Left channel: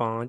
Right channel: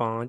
5،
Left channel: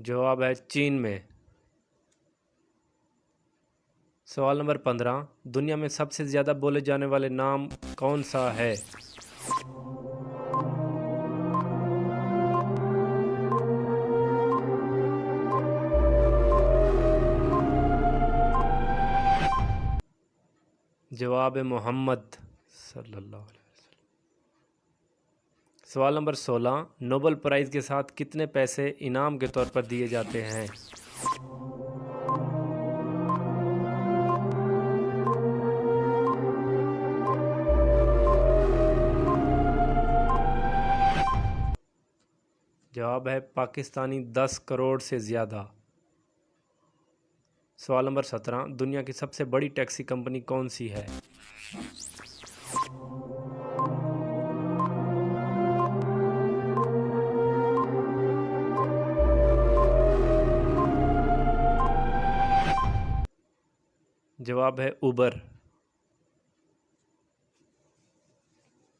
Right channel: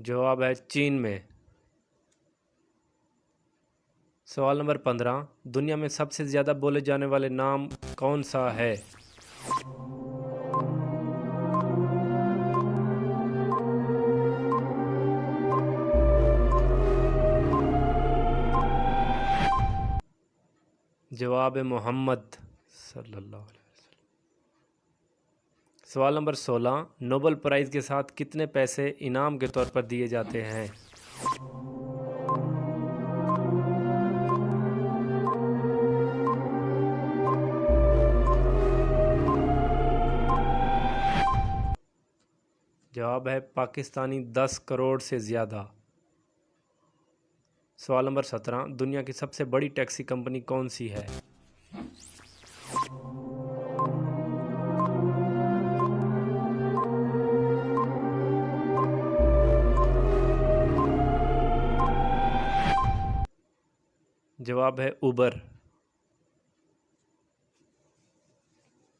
जवाब है चीन में। सवाल नंबर 15, दुनिया में सबसे ज़्यादा बोले जाने वाले नाम कौन सा है? जवाब है मोहम्मद सल्लल्लाहु अलैहि वसल्लम। सवाल नंबर 16, नोबेल प्राइज़ के साथ कितने पैसे इनाम के तौर पर दिए जाते हैं? जवाब है पाकिस्तानी 10 करोड़ से ज़्यादा। सवाल नंबर 17, दुनिया की सबसे बड़ी टैक्सी कंपनी कौन सी है? जवाब है उबर।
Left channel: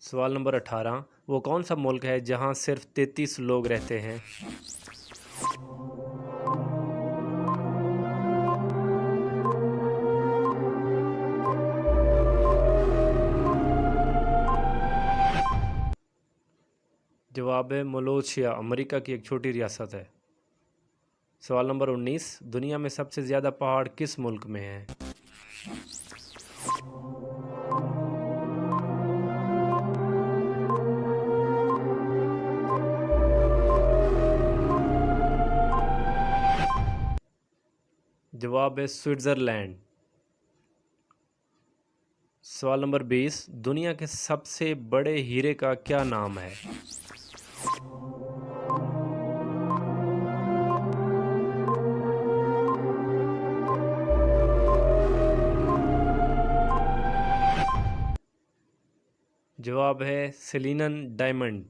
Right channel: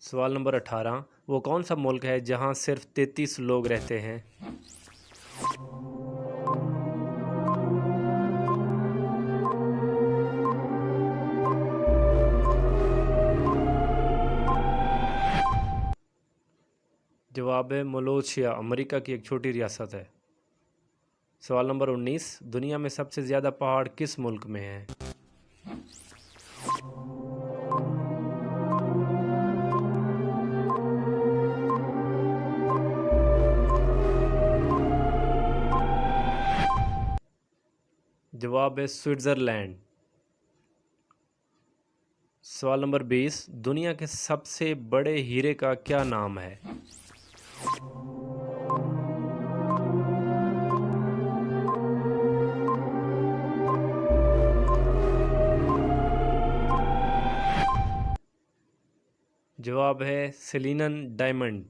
सवाल नंबर 18, वो कौन सा मुल्क है जहां सिर्फ 33 लोग रहते हैं? जवाब है मलेशिया, अमेरिका की एक छोटी रियासत है। सवाल नंबर 19, दुनिया में सबसे ज़्यादा पहाड़ किस मुल्क में हैं? जवाब है स्विट्ज़रलैंड। सवाल नंबर 20, दुनिया के सबसे बड़े हीरे का क्या नाम है? जवाब है सेलिनन डायमंड।